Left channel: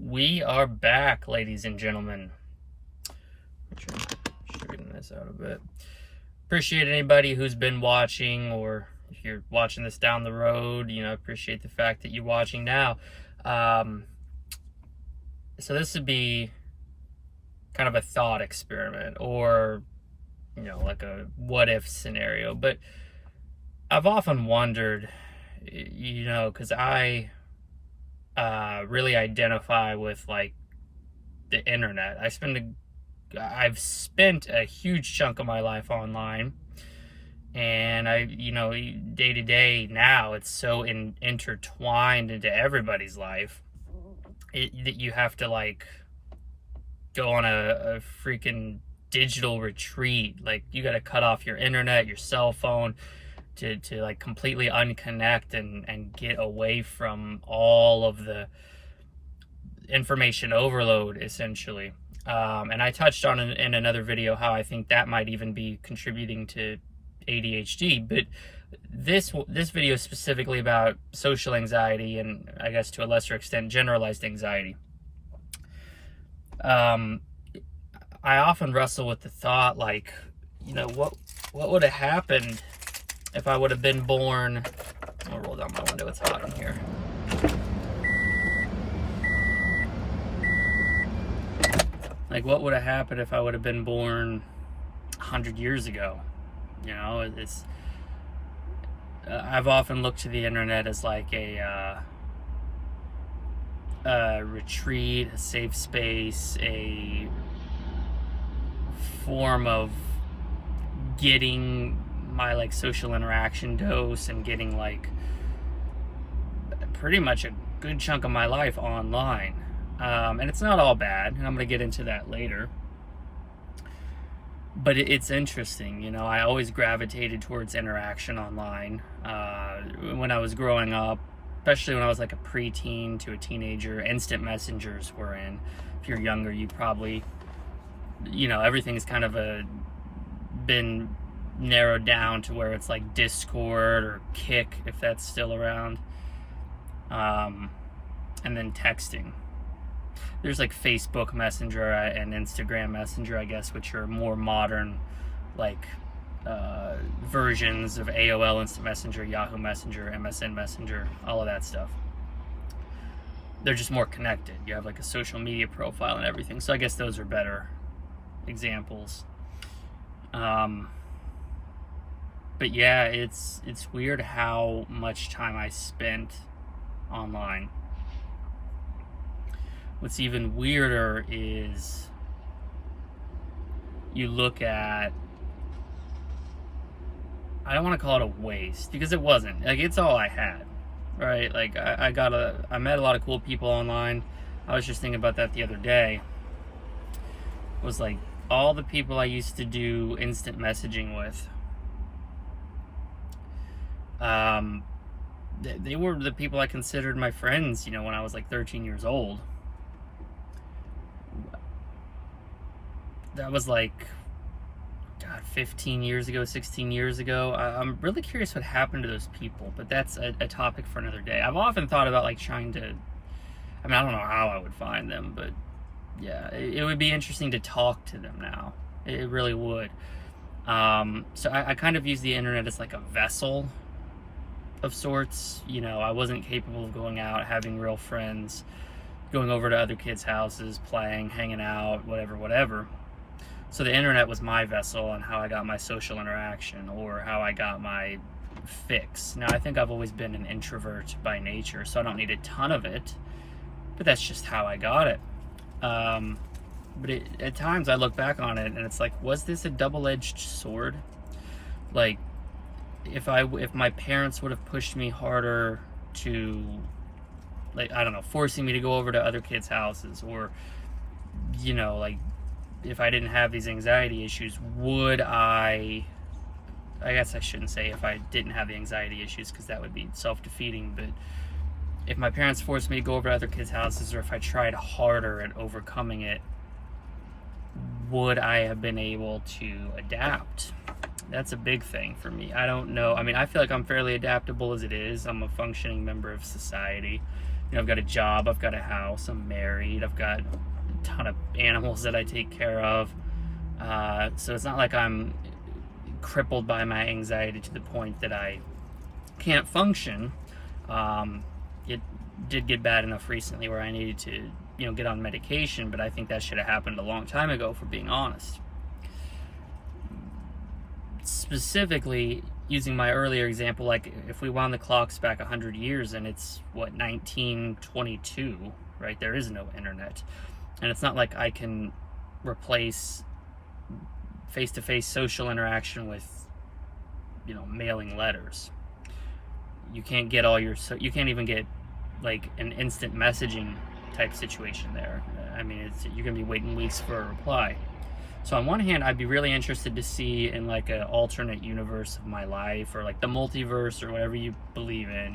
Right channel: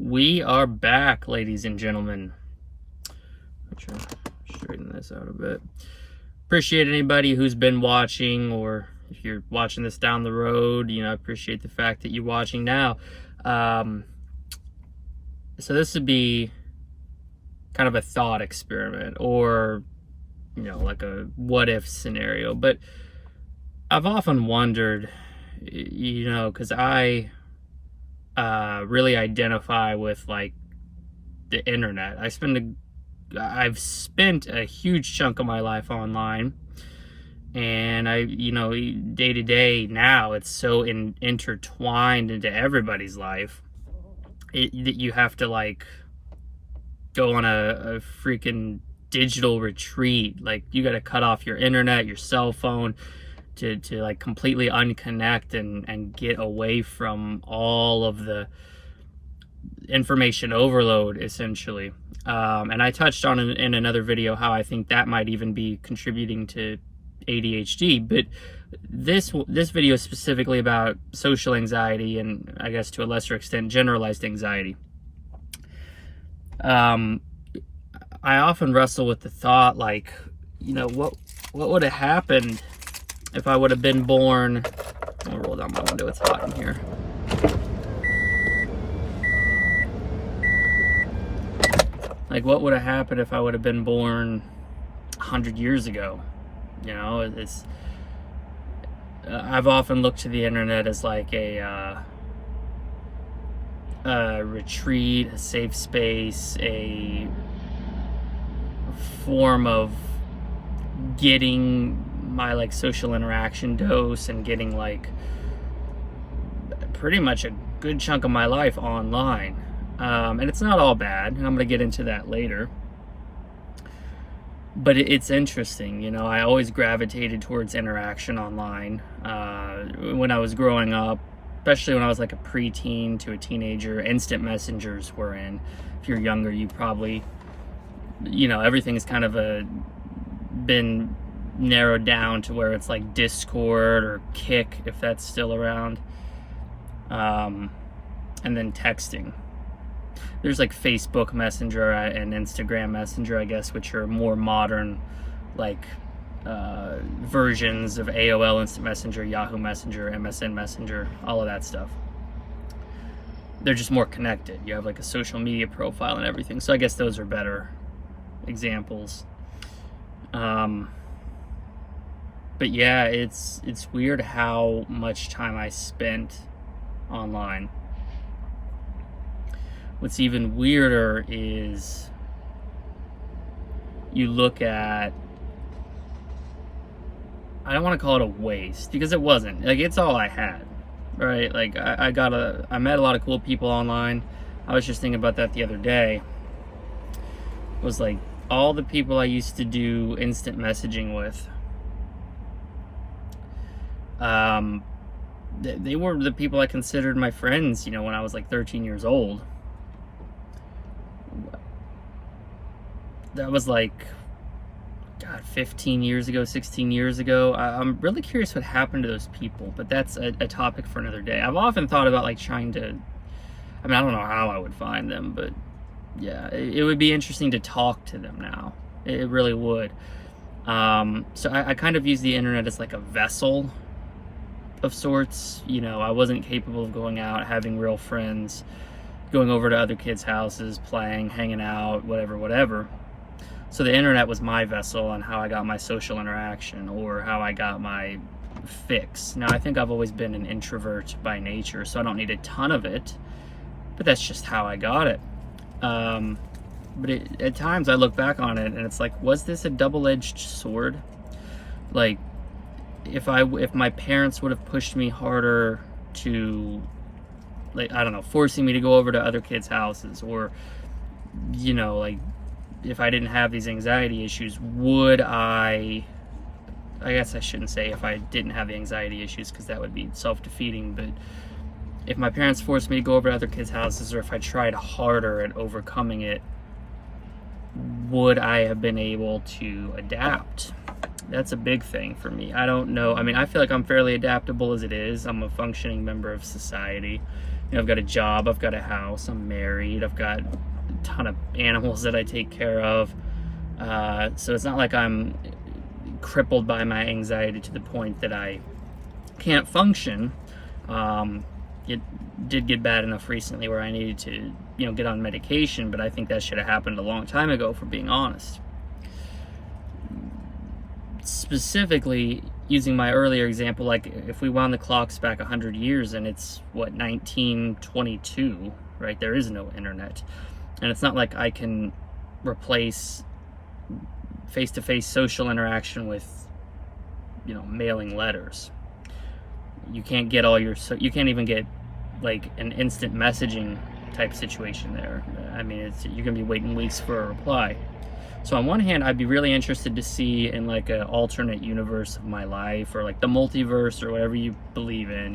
We are back, ladies and gentlemen. I'll try to straighten this out a bit. Appreciate anybody who's been watching, or if you're watching this down the road, I appreciate the fact that you're watching now. So this would be kind of a thought experiment, or, like a what if scenario. But I've often wondered, because I really identify with like the internet. I've spent a huge chunk of my life online, and day to day now it's so intertwined into everybody's life that you have to like go on a freaking digital retreat. Like, you got to cut off your internet, your cell phone, to like completely unconnect and get away from all of the information overload, essentially. And I touched on it in another video how I think that might even be contributing to ADHD. But this video is specifically about social anxiety, and I guess to a lesser extent generalized anxiety. I often wrestle with the thought, like, what would have happened if I would have been born. I'll roll down my window, it's hot in here. Like, what would have happened if I would have been born 100 years ago? I've often looked to the internet as like a retreat, a safe space, a form of getting my like social interaction dose and getting like pretty much a good chunk of my life online. And it's not all bad, and I'm going to get into that later. But it's interesting, I always gravitated towards interaction online. When I was growing up, especially when I was like a preteen to a teenager, instant messengers were in. If you're younger, you probably, everything's kind of been narrowed down to where it's like Discord or Kick, if that's still around. And then texting. There's like Facebook Messenger and Instagram Messenger, I guess, which are more modern, like versions of AOL Instant Messenger, Yahoo Messenger, MSN Messenger, all of that stuff. They're just more connected. You have like a social media profile and everything. So I guess those are better examples. But yeah, it's weird how much time I spent online. What's even weirder is you look at, I don't want to call it a waste, because it wasn't. Like, it's all I had, right? Like, I met a lot of cool people online. I was just thinking about that the other day. Was like, all the people I used to do instant messaging with, they were the people I considered my friends, when I was like 13 years old. That was like, God, 15 years ago, 16 years ago. I'm really curious what happened to those people, but that's a topic for another day. I've often thought about like trying to, I don't know how I would find them, but yeah, it would be interesting to talk to them now. It really would. So I kind of use the internet as like a vessel of sorts. I wasn't capable of going out, having real friends, going over to other kids' houses, playing, hanging out, whatever. So the internet was my vessel on how I got my social interaction, or how I got my fix. Now, I think I've always been an introvert by nature, so I don't need a ton of it, but that's just how I got it. But at times I look back on it and it's like, was this a double-edged sword? Like, if my parents would have pushed me harder to, like, I don't know, forcing me to go over to other kids' houses, or, like, if I didn't have these anxiety issues, would I guess I shouldn't say if I didn't have the anxiety issues, because that would be self-defeating, but if my parents forced me to go over to other kids' houses, or if I tried harder at overcoming it, would I have been able to adapt? That's a big thing for me. I don't know. I feel like I'm fairly adaptable as it is. I'm a functioning member of society. I've got a job, I've got a house, I'm married, I've got a ton of animals that I take care of. So it's not like I'm crippled by my anxiety to the point that I can't function. It did get bad enough recently where I needed to, get on medication, but I think that should have happened a long time ago, for being honest. Specifically, using my earlier example, like if we wound the clocks back 100 years and it's, 1922, right? There is no internet. And it's not like I can replace face-to-face social interaction with, mailing letters. You can't get you can't even get like an instant messaging type situation there. I mean, you're gonna be waiting weeks for a reply. So on one hand, I'd be really interested to see in like an alternate universe of my life, or like the multiverse, or whatever you believe in,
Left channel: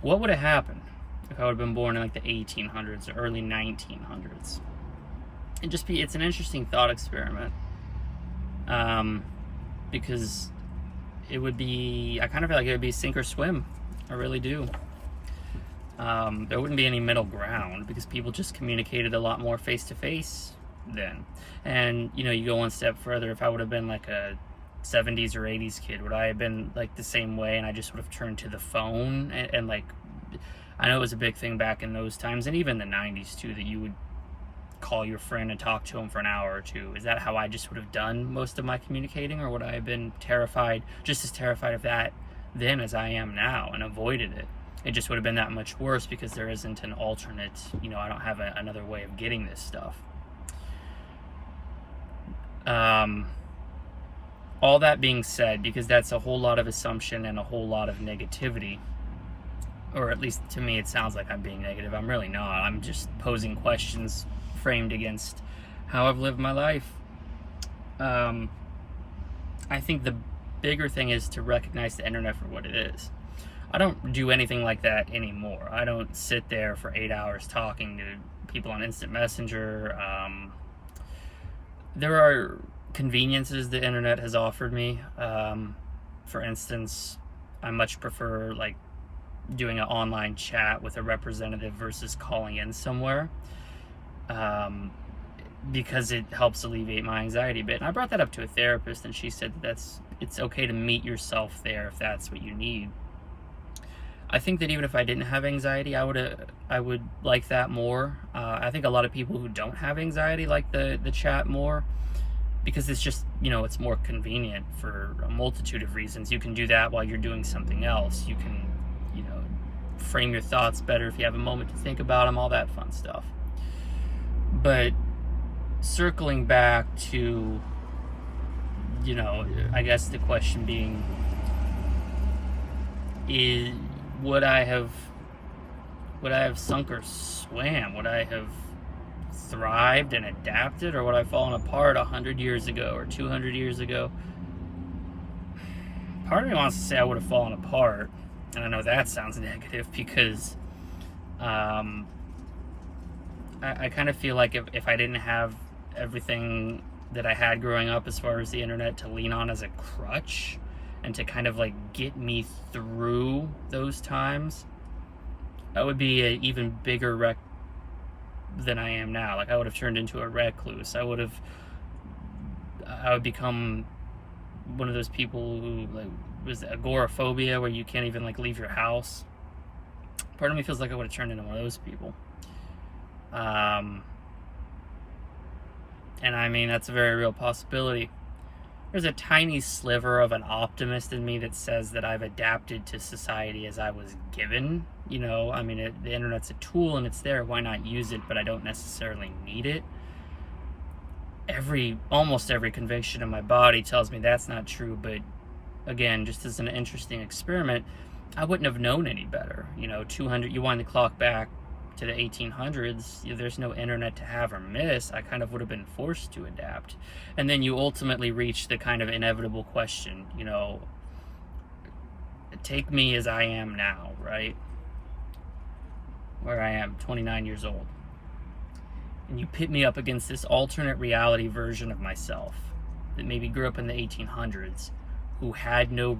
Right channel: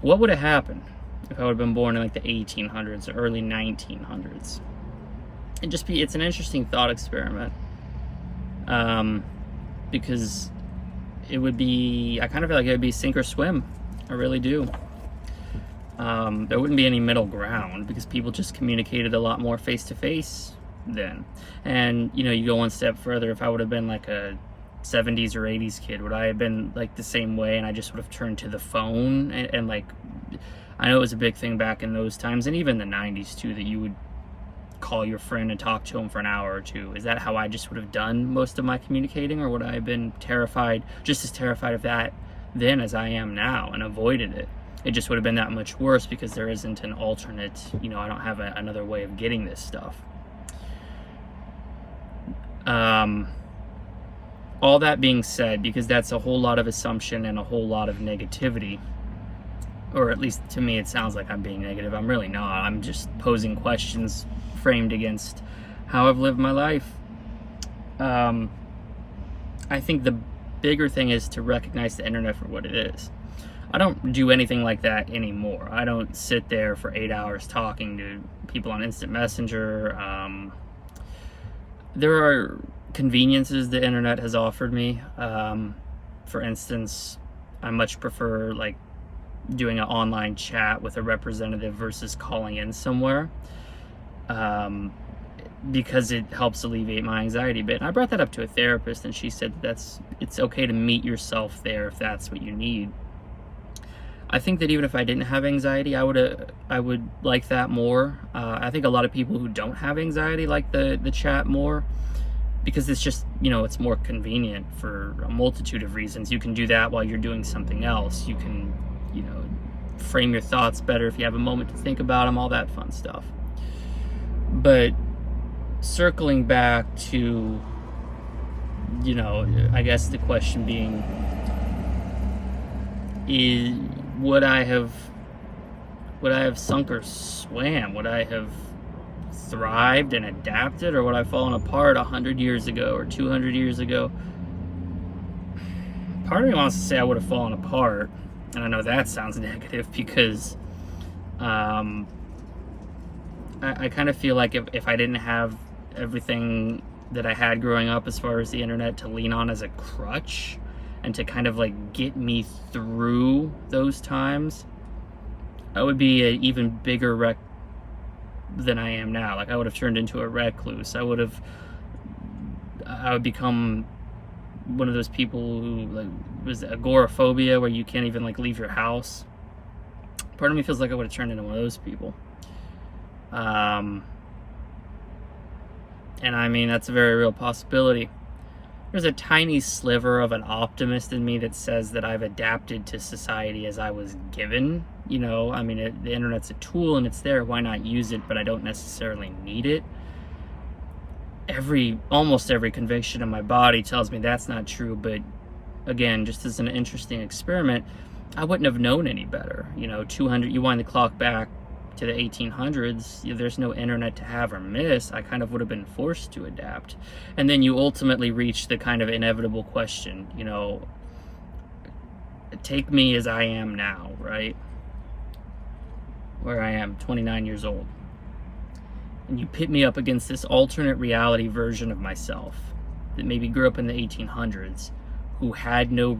what would have happened if I would have been born in like the 1800s or early 1900s. It's an interesting thought experiment. Because it would be, I kind of feel like it would be sink or swim. I really do. There wouldn't be any middle ground, because people just communicated a lot more face to face then. And you go one step further. If I would have been like a 70s or 80s kid, would I have been like the same way, and I just would have turned to the phone and like, I know it was a big thing back in those times, and even the 90s too, that you would call your friend and talk to him for an hour or two. Is that how I just would have done most of my communicating, or would I have been just as terrified of that then as I am now, and avoided it? It just would have been that much worse, because there isn't an alternate, I don't have another way of getting this stuff. All that being said, because that's a whole lot of assumption and a whole lot of negativity, or at least to me it sounds like I'm being negative. I'm really not. I'm just posing questions framed against how I've lived my life. I think the bigger thing is to recognize the internet for what it is. I don't do anything like that anymore. I don't sit there for 8 hours talking to people on instant messenger. There are conveniences the internet has offered me. For instance, I much prefer like doing an online chat with a representative versus calling in somewhere, because it helps alleviate my anxiety a bit. And I brought that up to a therapist, and she said it's okay to meet yourself there if that's what you need. I think that even if I didn't have anxiety, I would like that more. I think a lot of people who don't have anxiety like the chat more, because it's just, it's more convenient for a multitude of reasons. You can do that while you're doing something else. You can, frame your thoughts better if you have a moment to think about them, all that fun stuff. But circling back to, I guess the question being, would I have sunk or swam? Would I have thrived and adapted, or would I have fallen apart 100 years ago or 200 years ago? Part of me wants to say I would have fallen apart, and I know that sounds negative, because I kind of feel like if I didn't have everything that I had growing up as far as the internet to lean on as a crutch, and to kind of like get me through those times, I would be an even bigger wreck than I am now. Like, I would have turned into a recluse. I would become one of those people who, like, was agoraphobia, where you can't even like leave your house. Part of me feels like I would have turned into one of those people. And I mean, that's a very real possibility. There's a tiny sliver of an optimist in me that says that I've adapted to society as I was given. I mean, the internet's a tool and it's there. Why not use it? But I don't necessarily need it. Almost every conviction in my body tells me that's not true. But again, just as an interesting experiment, I wouldn't have known any better. You wind the clock back to the 1800s, there's no internet to have or miss. I kind of would have been forced to adapt. And then you ultimately reach the kind of inevitable question, take me as I am now, right? Where I am, 29 years old. And you pit me up against this alternate reality version of myself that maybe grew up in the 1800s, who had no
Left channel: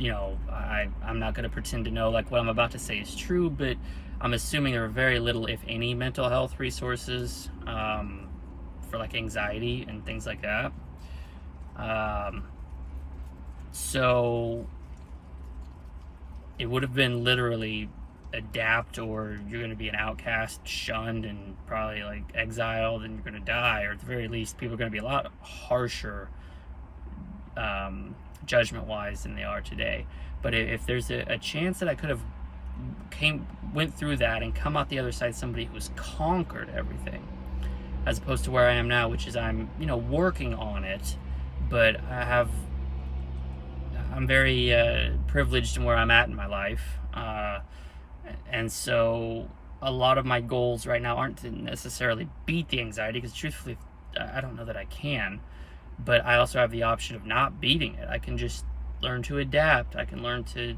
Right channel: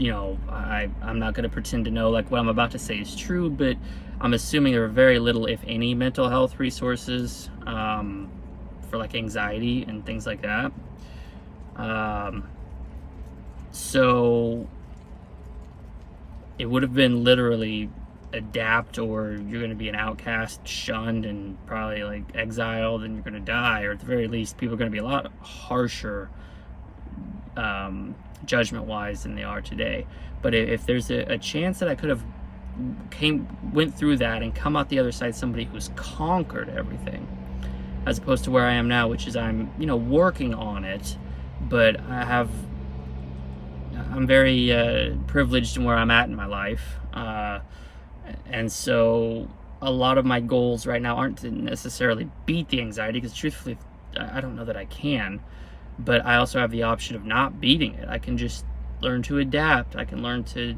I'm not going to pretend to know like what I'm about to say is true, but I'm assuming there are very little, if any, mental health resources for like anxiety and things like that. So it would have been literally adapt, or you're going to be an outcast, shunned, and probably like exiled, and you're going to die, or at the very least people are going to be a lot harsher judgment wise than they are today. But if there's a chance that I could have went through that and come out the other side somebody who's conquered everything, as opposed to where I am now, which is I'm working on it, but I'm very privileged in where I'm at in my life, and so a lot of my goals right now aren't to necessarily beat the anxiety, because truthfully I don't know that I can, but I also have the option of not beating it. I can just learn to adapt. I can learn to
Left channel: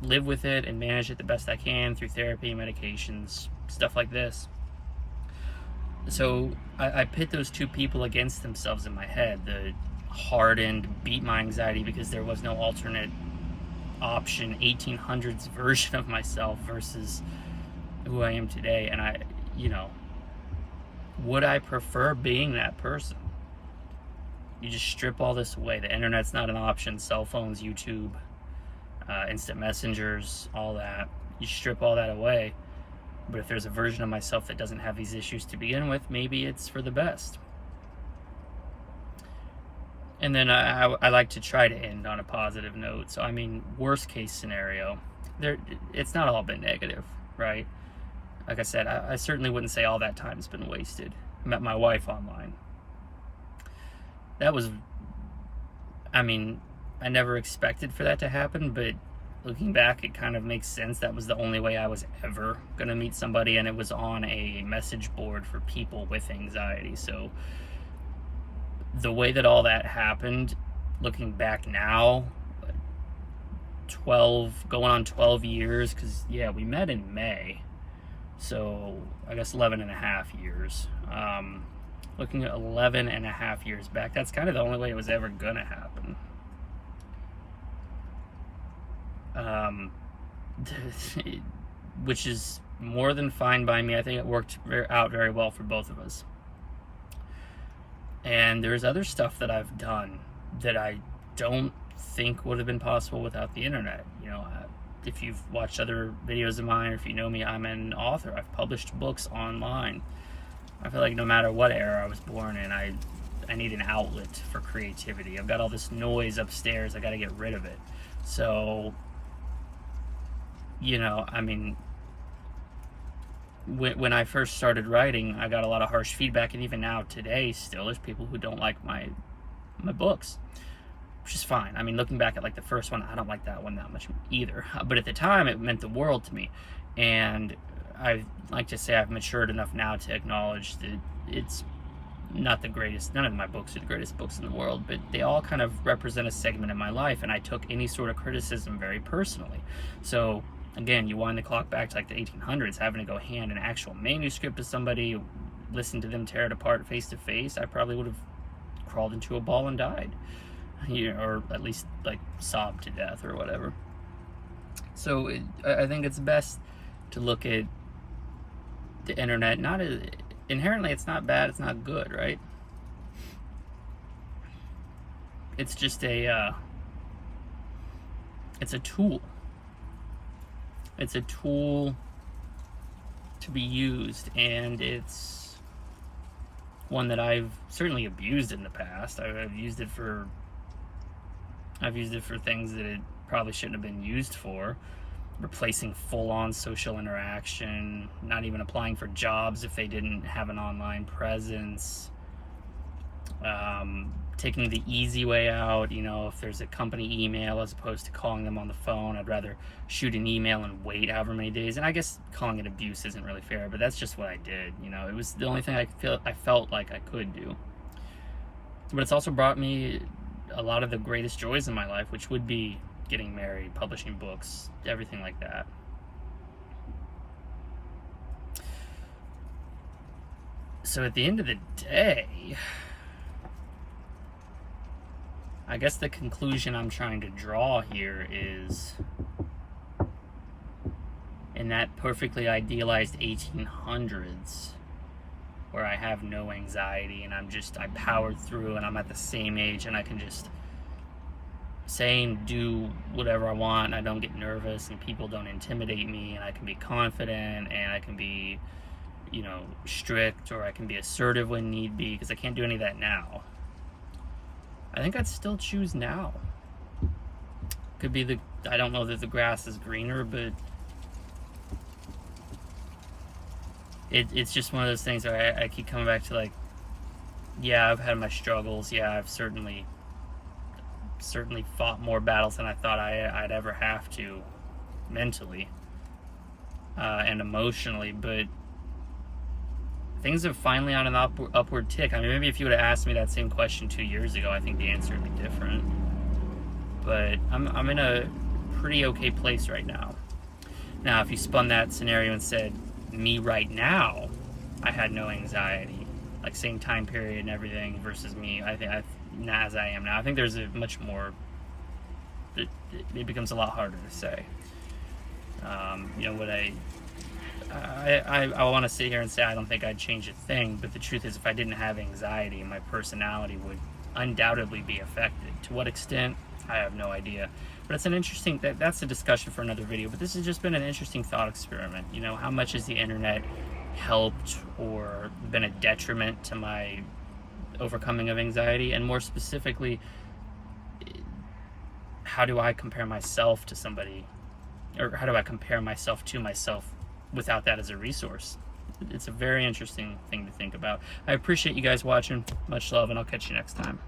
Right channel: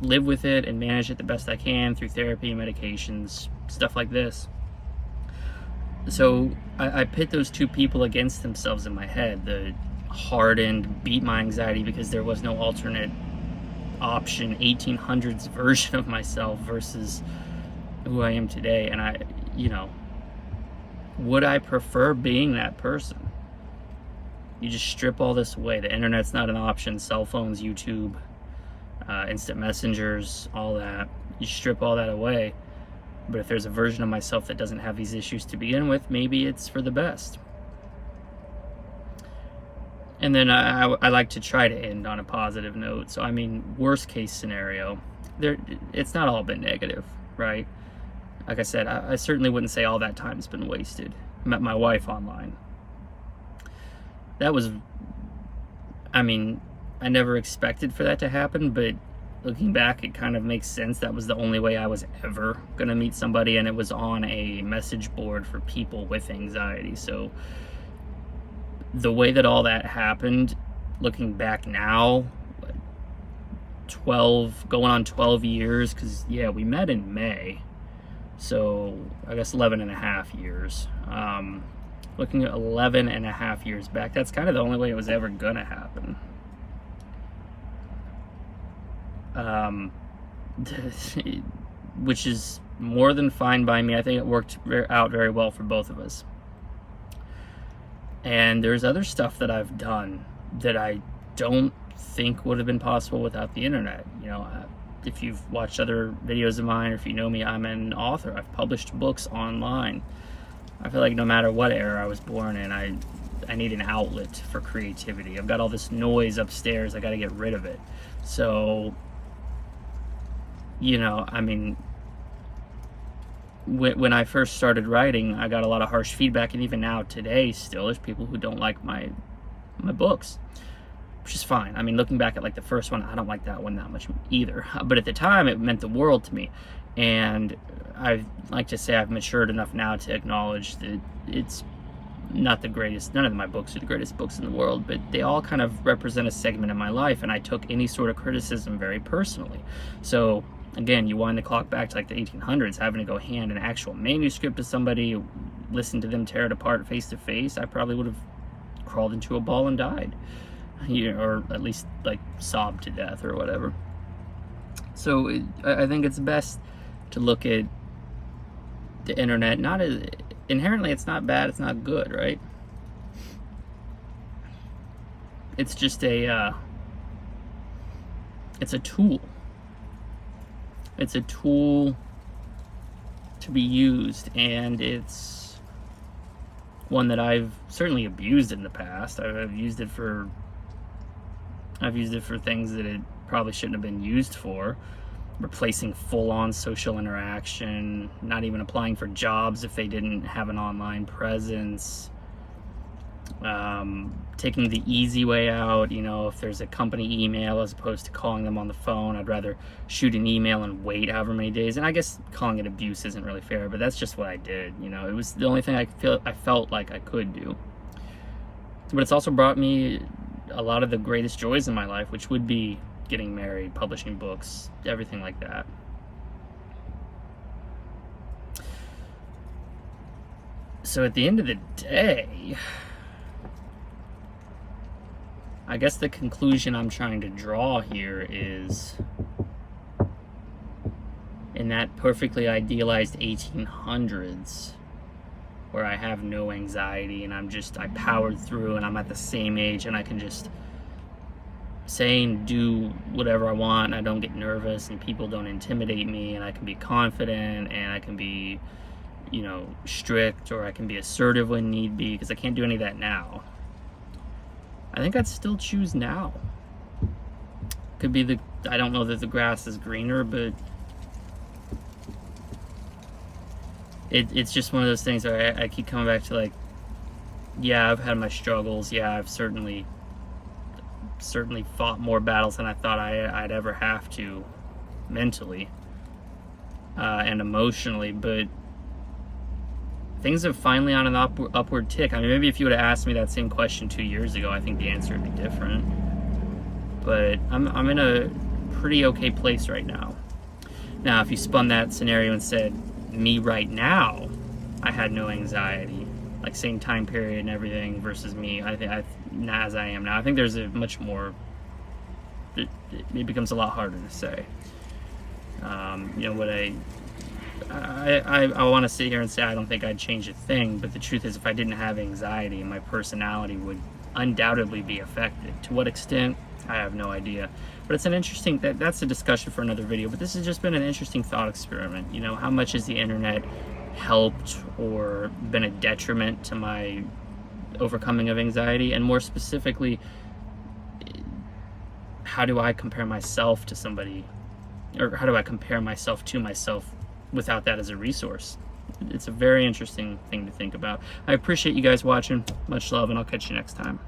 live with it and manage it the best I can through therapy and medications, stuff like this. So I pit those two people against themselves in my head: the hardened, beat my anxiety because there was no alternate option 1800s version of myself versus who I am today. And would I prefer being that person? You just strip all this away. The internet's not an option. Cell phones, YouTube, instant messengers, all that. You strip all that away. But if there's a version of myself that doesn't have these issues to begin with, maybe it's for the best. And then I like to try to end on a positive note. So, worst case scenario, it's not all been negative, right? Like I said, I certainly wouldn't say all that time's been wasted. I met my wife online. That was, I never expected for that to happen, but looking back, it kind of makes sense. That was the only way I was ever going to meet somebody, and it was on a message board for people with anxiety. So the way that all that happened, looking back now, going on 12 years, because we met in May, so I guess 11 and a half years. Looking at 11 and a half years back, that's kind of the only way it was ever gonna happen. Which is more than fine by me. I think it worked out very well for both of us. And there's other stuff that I've done that I don't think would have been possible without the internet. If you've watched other videos of mine, or if you know me, I'm an author. I've published books online. I feel like no matter what era I was born in, I need an outlet for creativity. I've got all this noise upstairs. I got to get rid of it. So, when I first started writing, I got a lot of harsh feedback, and even now today still there's people who don't like my books, which is fine. Looking back at like the first one, I don't like that one that much either, but at the time it meant the world to me. And I like to say I've matured enough now to acknowledge that it's not the greatest. None of my books are the greatest books in the world, but they all kind of represent a segment of my life, and I took any sort of criticism very personally. So again, you wind the clock back to like the 1800s, having to go hand an actual manuscript to somebody, listen to them tear it apart face to face. I probably would have crawled into a ball and died, or at least like sobbed to death or whatever. So I think it's best to look at the internet not as inherently, it's not bad, it's not good, right? It's just it's a tool. It's a tool to be used, and it's one that I've certainly abused in the past. I've used it for things that it probably shouldn't have been used for. Replacing full-on social interaction, not even applying for jobs if they didn't have an online presence, taking the easy way out. If there's a company email, as opposed to calling them on the phone, I'd rather shoot an email and wait however many days. And I guess calling it abuse isn't really fair, but that's just what I did. It was the only thing I felt like I could do. But it's also brought me a lot of the greatest joys in my life, which would be getting married, publishing books, everything like that. So at the end of the day, I guess the conclusion I'm trying to draw here is, in that perfectly idealized 1800s, where I have no anxiety and I powered through and I'm at the same age and I can just say and do whatever I want and I don't get nervous and people don't intimidate me and I can be confident and I can be, strict, or I can be assertive when need be, because I can't do any of that now. I think I'd still choose now. Could be I don't know that the grass is greener, but it's just one of those things where I keep coming back to, like, yeah, I've had my struggles. Yeah, I've certainly fought more battles than I thought I'd ever have to, mentally and emotionally, but things have finally on an upward tick. I mean, maybe if you would have asked me that same question 2 years ago, I think the answer would be different. But I'm in a pretty okay place right now. Now, if you spun that scenario and said, me right now, I had no anxiety, like same time period and everything, versus me, as I am now, I think there's a much more, it becomes a lot harder to say. What I want to sit here and say I don't think I'd change a thing, but the truth is, if I didn't have anxiety, my personality would undoubtedly be affected. To what extent, I have no idea. But it's an interesting, that's a discussion for another video, but this has just been an interesting thought experiment. How much has the internet helped or been a detriment to my overcoming of anxiety? And more specifically, how do I compare myself to somebody, or how do I compare myself to myself without that as a resource? It's a very interesting thing to think about. I appreciate you guys watching. Much love, and I'll catch you next time.